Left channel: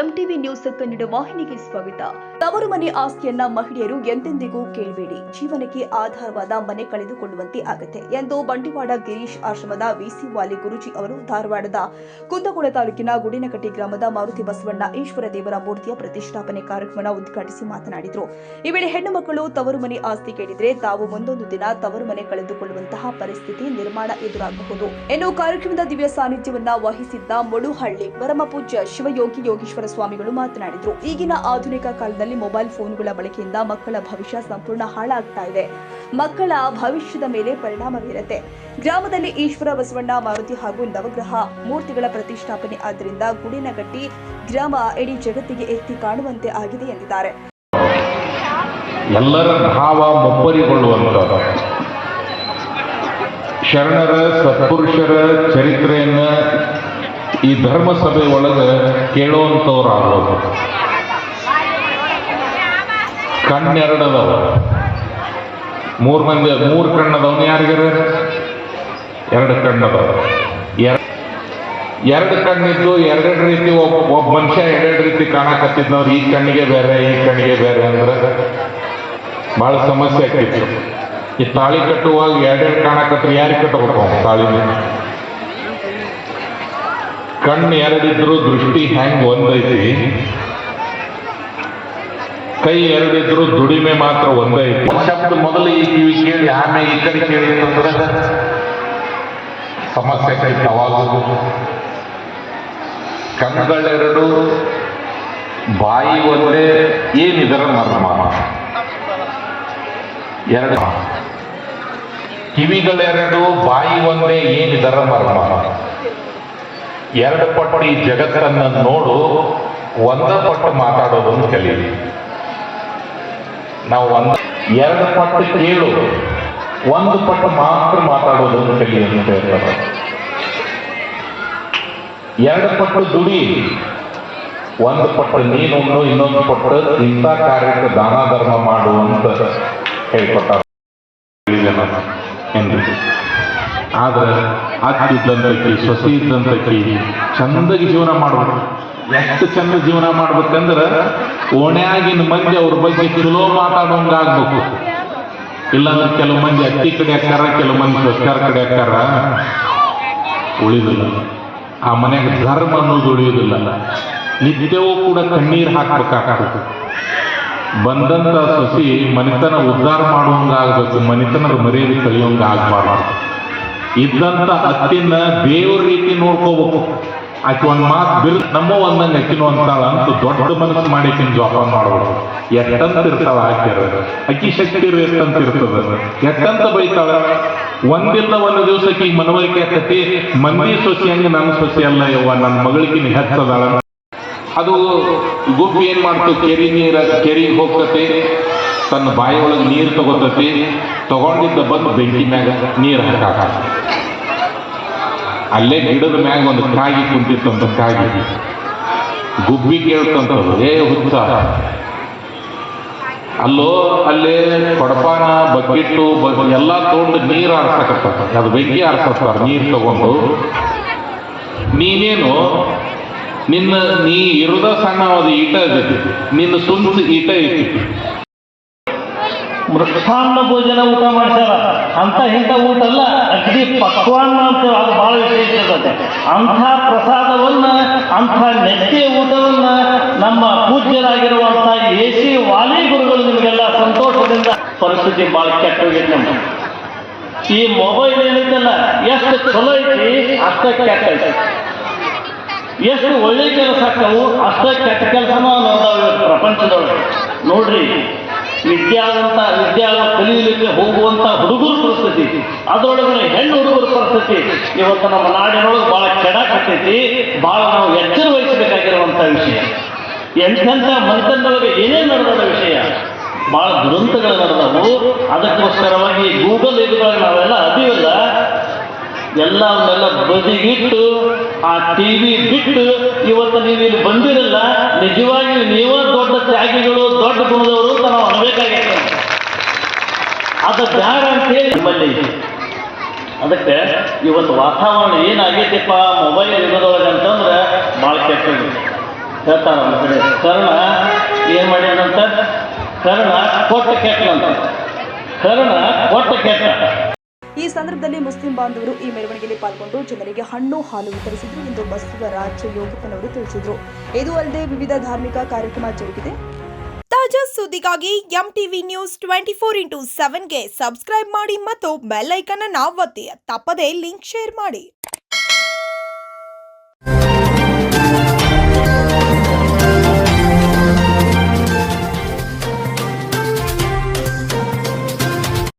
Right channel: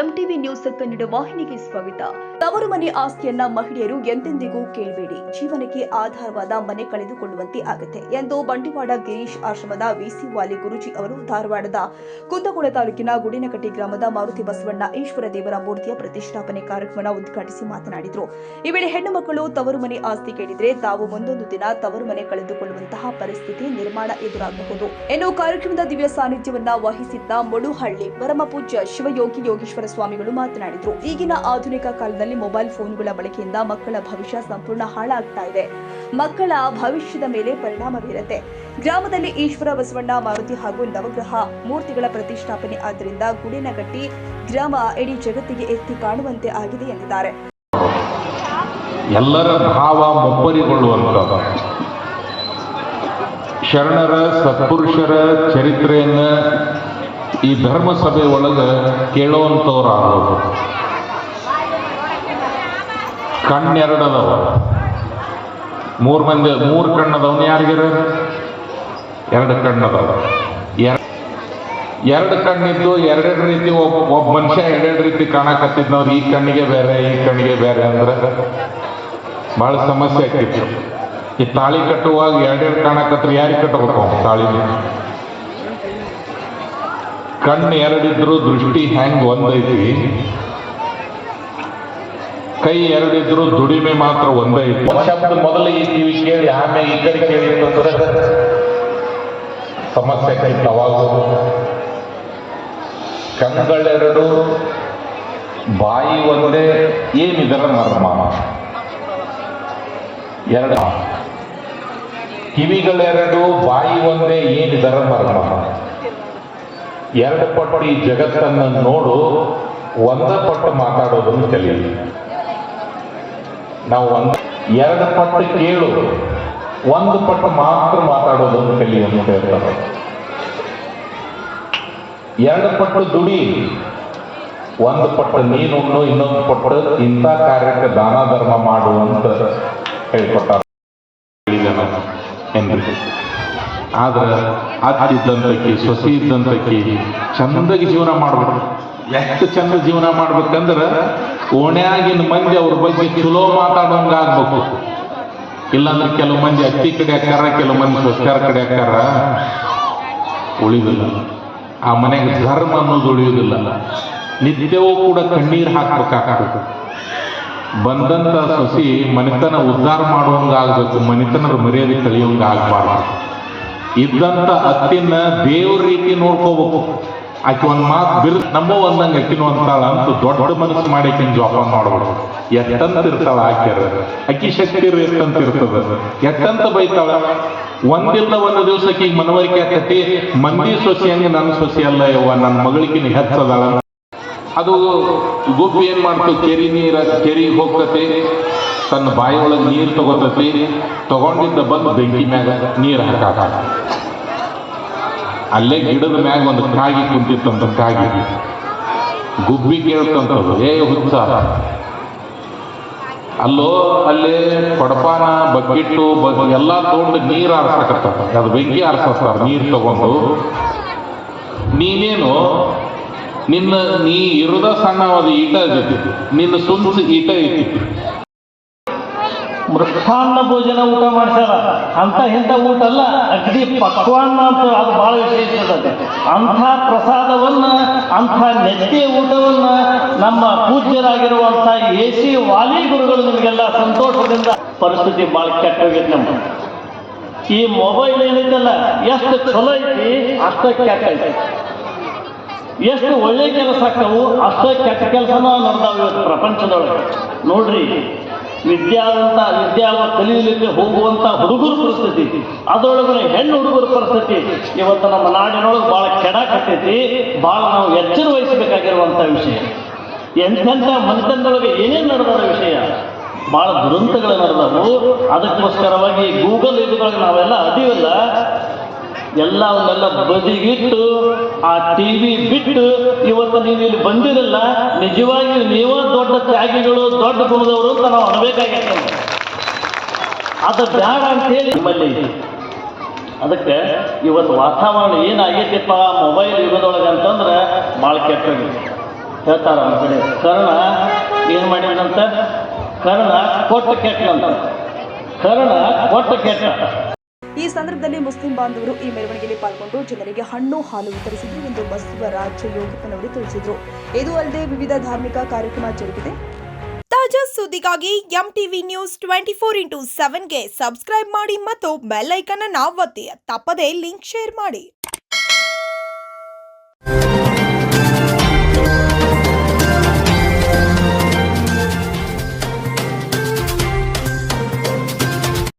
MTV news Kannada ವಾಹಿನಿಗೆ ಸ್ವಾಗತ. ತವರು ಮನೆ ಆಸ್ತಿಯನ್ನ ಮಹಿಳೆಯರು ಎಂದೆಂದಿಗೂ ಕೇಳಬೇಡಿ. ಜೀವನಕ್ಕೆ ಆಧಾರವಾದ ಮನೆ ಕಳೆದುಕೊಳ್ಳುವಂತೆ ಆಗುತ್ತೆ ಎಂದು ಬಂಡಿವಾಡ ಗಿರೀಶ್ ಆಶ್ರಮದ ವಿಸಿ ವಾಲಿ ಗುರುಜಿ ಅವರು ಧಾರವಾಡದ ಕುಂದಗೋಳ ತಾಲೂಕಿನ ಗುಡಿನಕಟ್ಟಿ ಗ್ರಾಮದ ಮಾರುತಿ ಬಸವಣ್ಣ ಈಶ್ವರ ದೇವರ ಮೂರ್ತಿಯ ಪ್ರತಿಷ್ಠಾಪನೆ ಕಾರ್ಯಕ್ರಮ ಉದ್ಘಾಟಿಸಿ ಮಾತನಾಡಿದರು. ಈ ವೇಳೆ ಹೆಣ್ಣು ಮಕ್ಕಳು ತವರು ಮನೆ ಆಸ್ತಿ ಕೇಳಿದ್ರೆ ತಾವು ಮುಂದೊಂದು ದಿನ ತವರು ಮನೆ ಕಳೆದುಕೊಳ್ಳುವಂತಹ ಪರಿಸ್ಥಿತಿ ನಿರ್ಮಾಣ ಎದುರಾಗಬಹುದು ಎಂದು ಕಾರ್ಯಕ್ರಮದ ದಿವ್ಯ ಸಾನ್ನಿಧ್ಯವನ್ನ ವಹಿಸಿದ್ದ ಮುಳುಹಳ್ಳಿ ಪರಮಪೂಜ್ಯ ಶಿವಯೋಗಿ ಯೋಗೀಶ್ವರ ಸ್ವಾಮಿಗಳು ಮಾತನಾಡಿದರು. ಈಗಿನ ಆಧುನಿಕ ಕಾಲದಲ್ಲಿ ಮೊಬೈಲ್ ಫೋನ್ಗಳ ಬಳಕೆಯಿಂದ ಮಕ್ಕಳ ಭವಿಷ್ಯ ಸಂಪೂರ್ಣ ಹಾಳಾಗ್ತಾ ಇದೆ. ಮಕ್ಕಳ ಭವಿಷ್ಯದ ಮೇಲೆ ಪರಿಣಾಮ ಬೀರುತ್ತೆ. ಗ್ರಾಮದಲ್ಲಿ ಈಶ್ವರ ಬಸವಣ್ಣ ಮಾರುತಿ ಹಾಗೂ ನವಗ್ರಹ ಮೂರ್ತಿಗಳ ಪ್ರತಿಷ್ಠಾಪನೆ ಆದ್ದರಿಂದ ಗುಡಿನಗಟ್ಟಿ ಗ್ರಾಮ ಇಡೀ ಜಗತ್ತಿಗೆ ಎತ್ತಿ ಕಾಣುವಂತೆ ಆಗಿದೆ ಎಂದಿದ್ದಾರೆ. ಎಲ್ಲರ ಭಾವ ಮೊಬ್ಬರಿಗೊಳ್ಳುವಂತ ಶರಣರ ಸತ್ಪುರುಷರ ಚರಿತ್ರೆಯನ್ನ ಈ ಧರ್ಮಸಭೆ ಒಳಗೆ ಕೇಳುವಂಥವ್ರಾಗೋದು. ಕಣ್ಣೆರಡದವ, ಮೂರು ಕಣ್ಣದವನು ಯಾರಿಗಾರ? ಎರಡು ಕಣ್ಣದವ. ಎರಡು ಕಣ್ಣಿದ್ದು ಎರಡೆರಡು ರೀತಿ ಒಬ್ಬ ಮನುಷ್ಯ ಎರಡೆರಡು ರೀತಿ ಕಾಣಕತ್ತಿದ್ನವ್ರು ಈ ಕಣ್ಣಿಗೆ ಬೇರೆ ಈ ಕಣ್ಣಿಗೆ ಬೇರೆ ಅಂದ್ರೆ ಭಾಳ ಸಮಸ್ಯೆ ಆಗ್ತಿತ್ತು. ಈ ತಾಳಿ ಕಟ್ಟುವಾಗ ಎರಡೆರಡು ಕಾಣಕತ್ರು ಯಾರಿಗೆ ಕಟ್ಟಬೇಕು? ತಾಳಿ ಕಣ್ಣು ಎರಡಿದ್ರು ದೃಷ್ಟಿ ಹೆಂಗ್ ಒಂದೈತಿ, ಕೈ ಎರಡಿದ್ರು ದುಡಿಮೆ ಮಾತ್ರ ಒಂದೈತಿ. ಶಬ್ದ ಮೊದಲು ಈ ಕಿವಿ ಕೇಳಿ ಆಮೇಲೆ ಈ ಕಡೆ ಕೇಳಿ ಅಂತಂದ್ರೆ ಸಮಸ್ಯೆ ಕೈತಿ. ಅವಾಗ ಕಣ್ಗಳೆರಡು ಬಾಯಿ ಒಂದೇ, ಏನಿದರ ಮರ್ಮ. ಎರಡು ಕಿವಿಗಳೆರಡು ಬಾಯಿ ಒಂದೇ, ಏನಿದರ ಮರ್ಮ. ಎರಡು ಪಟ್ಟು ಈ ಜಗತ್ತನ್ನು ನೋಡು, ಒಂದ ಪಟ್ಟು ಮಾತಾಡೋದನ್ನು ಕಲೀಲಿ. ನಾವು ಎರಡು ಪಟ್ಟು ಕೇಳು, ಒಂದು ಪಟ್ಟು ಮಾತ್ರ ಮಾತಾಡೋದನ್ನು ಕಲಿ ಅಂತ ಹೇಳ್ತಾರೆ. ಎರಡು ಪಟ್ಟು ದುಡಿ, ಒಂದು ಪಟ್ಟು ನೀನು, ಇನ್ನೊಂದು ಪಟ್ಟು ಇಂಥ ಕಾರ್ಯಕ್ಕೆ ದಾನ ಧರ್ಮ ಮಾಡುವಂತ ಹೇಳ್ಕೊಟ್ಟಾರ ಎಂದು. ಆದ್ರೆ ಅತ್ತಿದ್ದಂತಕ್ಕಿ ಸೊಸಿ ಇದ್ದಂತಕ್ಕಿ ಚಂದಾಗಿ ಜೀವನ ಮಾಡ್ಬೇಕು. ಎಷ್ಟು ಚಂದ ಜೀವನ ಮಾಡ್ಬೇಕಂದ್ರೆ ಓಣ್ಯಾಗಿನ ಮಂದಿ ಅವ್ರ ಬಗ್ಗೆ ಚಲೋ ಮಾತಾಡೋಂಗಾಗ್ಬೇಕು. ಇಲ್ಲಾಂದ್ರೆ ಕೆಲವು ಮಂದಿ ಅಕ್ಕಿ ಕಡೆ ಹಾಕಾರ, ಕೆಲವು ಮಂದಿ ಸೊಸ್ಕಾರ ಕಡೆ ಹಾಕಾರ, ಉಳಿದಿಲ್ಲ. ಆ ಮನೆಗೆ ಧರ್ಮ ಅನ್ನೋದು ಉಳಿಯುವುದಿಲ್ಲ. ನಿತ್ಯವೂ ಕೂಡ ಕಣ್ಣೀರು ಹಾಕ್ಬೇಕಾಗಬೇಕು. ಬಂದಂತ ಸೊಸಿ ಮನೆತನ ಉದ್ಧಾರ ಮಾಡುವಂಗಾಗಬೇಕು, ಮನೆತನದ ಮರ್ಯಾದೆ ಕಳಿಯೋಂಗಾಗಬಾರ್ದು. ಇದ್ದಂತ ಅಕ್ಕಿನ ಬೇವ್ರ ರೀತಿ ನೋಡ್ಕೋಬೇಕು. ಆಕೆ ಒಂದು ಮಾತು ಬಿಲ್ ನಮ್ಮ ಒಂದಂಗೆ ಅಕ್ಕಿನೂ ಅಂತಾಳ ಅಂತ ದೊಡ್ಡ ಮನಸ್ಸು ಮಾಡಿ ಆಕಿನ ಜೋಪಾನ ಮಾಡ್ಬೋದು. ಎಟ್ಟಂತ ಇರ್ತಾಳ ಆಕ್ಯಾರ, ಅಕ್ಕಿ ಶಕ್ತಿ ಎಷ್ಟಂತ ಇರ್ತದ, ಎಟ್ಟಂತ ಬೈತಾಳ. ಒಂದಿಲ್ಲ ಒಂದು ದಿವಸಕ್ಕೆ ಈಗ ಮನವರಿಕೆ ಆಕತಿ, ಮಂದಿ ಸೊಸಿ ಹಂಗೆ ನನ್ನ ಸೊಸಿ ಅಲ್ಲ ಯವ್ವ, ನನ್ನ ಮಗಳಿಗಿನ ಹೆಚ್ಚದಾಳ. ಅದು ಗುಬ್ಬಿ ಏನ್ ಮಾಡ್ತು, ಕೆರಿಗೆ ಹೋಗ್ತತಿ, ತನ್ನ ಬಾಯಿ ಒಳಗೆ ನೀರು ತಗೋತತಿ, ತಗೊಂಡಿದ್ದ ಬಂದು ಬೆಂಕಿ ಮ್ಯಾಗ ನೀರು ಹಾಕಾಕ. ಅಲ್ಲೇ ಗಿಡದ ಮ್ಯಾಗ ಒಂದು ಕಾಗಿ ಕುಂತಿತ್ತಂತ. ಕಾಗಿ ಗುಬ್ಬಿ ಕೇಳ್ತಂತದ್ದು, ಏ ಹುಚ್ಚ, ಅಲ್ಲೋ ಅಲ್ಲೇ ಕೊಡಪಾನ ಬಗ್ಗಿಟ್ಟು ಎಲ್ಲ ತೊಗೊಂಡು ನೀರು ಆರಿಸಕತ್ತ, ಅದು ಬೆಂಕಿ ಆರಿಸ್ತಾರೆ ನೀರು ತಗೊಂಡು. ನೀನೇನು ನೀ ಇರೋದ ಸಣ್ಣ ಒಂದು ಈಟ ಇರ್ತೈತಿ, ನಿನ್ನ ಸುಂದರ ಈಟ ಐತಿ. ಮೃಷ್ಟಾನ್ನ ಭೋಜನ ಊಟ ಮಾಡ್ತಾರ ಅಂತ ಇಂಥ ಊಟ ಅಲ್ಲ, ಅಗ್ದಿ ಪಕ್ವಾನ್ನ ಅಂತೇಳಿ ಅದು ಬಹಳ ವಿಶೇಷ ಇರ್ತದೆ. ಅಂಥ ಪ್ರಸಾದವನ್ನ, ಅಂಥ ನೆತ್ತಿಯ ಊಟವನ್ನ ನಮ್ಮ ಪೂಜ್ಯರಾಗಿರುವಂಥ ಎಸಿ ವಾಲಿ ಗುರುಗಳು ನಿಮಗೆಲ್ಲ ಸಂತೋಷದಿಂದ. ಪರಿಸ್ಥಿತಿ ಭಾಳ ಕೆಟ್ಟ ಹೋಗೈತೆ. ನಮ್ಮ ಈ ಮೊಬೈಲ್ ಏನೈತಲ್ಲ, ಎಷ್ಟು ಚಲೋ ಐತಿ ಅಷ್ಟ ಕೆಟ್ಟ ಐತಿ. ಎಷ್ಟು ಒಳ್ಳೆ ಕೆಲಸ ಆಗ್ತಾವು ಅಷ್ಟ ಕೆಟ್ಟ ಕೆಲಸನೂ ನೋಡ್ತಾವೆ ಪ್ರಪಂಚದೊಳಗೆ. ನೋಡ್ರಿ, ವಿದ್ಯಾವಂತ ಕಲಿಯಲಿಕ್ಕೆ ಹೋಗುವಂತ ಹುಡುಗರ ಪರಿಸ್ಥಿತಿ, ಅದರೊಳಗೆ ಹೆಣ್ಣು ಹುಡುಗರ ಪರಿಸ್ಥಿತಿ ಇವತ್ತು ನಮ್ಮ ನಾಡಿನೊಳಗೆ ಭಾಳ ಕೆಡಾಕತ್ತೈತಿ. ಭಾಳ ನಾವು ಎಚ್ಚರ ವಹಿಸಬೇಕಾಗಿರುವಂಥ ವಿಷಯ. ಎಂತೆಂಥ ಮನೆತನದೊಳಗೆ ಏನೇನು ನಡೆದ ವಿಷಯ, ಭಾಳ ದುರಂತಗಳು ನಡೆದವು. ಅದಕ್ಕೋಸ್ಕರವಾಗಿ ಗೂಗಲ್ ಯುಗದೊಳಗೆ ನಾವೆಲ್ಲ ಅದೀವಲ್ಲ, ಎಲ್ಲವನ್ನೆಲ್ಲ ಬದಿಗಿಟ್ಟು ಆ ಟಿವಿ ಬಿಟ್ಟು ಇವತ್ತು ನೀವು ಇಲ್ಲಿ ಬಂದಿರಲ್ಲ, ನಿಜವಾಗಿ ನೀವೇ ದೊಡ್ಡ ತ್ಯಾಗಿಗಳು, ದೊಡ್ಡ ಗುಣದವರು ಅಂತ ನಾವು ಅನ್ಬೇಕಾಗಿತ್ತು. ಅದು ಬ್ಯಾಡ ಅಂತೇಳಿ ನಿಮ್ಮಲ್ಲಿ. ಅದಕ್ಕೆ ಇವತ್ತು ವಾತಾವರಣ ಏನಾಗೈತಿಪ್ಪ ಮೊಬೈಲ್ ಯುಗದೊಳಗೆ ಅಂತಂದ್ರೆ ಭಾಳ ಕೆಟ್ಟ. ಹೇಳ್ತಾರ ನಮ್ಮ ಕಡೆ. ಕರ್ಣ ಏನು ಮಾಡ್ಯಾನಂತ, ಕರ್ಣ ಕೊಟ್ಟ ಕೆಟ್ಟಂತ, ಕರ್ಣ ಕೊಟ್ಟ ಕೆಟ್ಟ. ಈ ಸಂದರ್ಭದಲ್ಲಿ ಮುಸ್ಲಿಂ ಬಾಂಧವರು ಈ ಮೆರವಣಿಗೆಯಲ್ಲಿ ಪಾಲ್ಗೊಂಡು ಜನರಿಗೆ ಹಣ್ಣು ಹಾಲು ವಿತರಿಸಿದ್ರು ಎಂದು ಬಸವರಾಜ ಯೋಗಪ್ಪನವರು ತಿಳಿಸಿದರು. ಇದು ಅಲ್ಲದೆ ವಿವಿಧ ಧಾರ್ಮಿಕ ಕಾರ್ಯಕ್ರಮ ಜರುಗಿದೆ. ತಾಜಾ ಸುದ್ದಿಗಾಗಿ ಎಂಟಿವಿ ನ್ಯೂಸ್ 24x7ಗೆ ಸಬ್ಸ್ಕ್ರೈಬ್ ಮಾಡಿ ಮತ್ತು ಬೆಲ್ ಐಕಾನ್ ಅನ್ನು ಒತ್ತಿ. ತಪ್ಪದೇ ಲಿಂಕ್ ಶೇರ್ ಮಾಡಿ.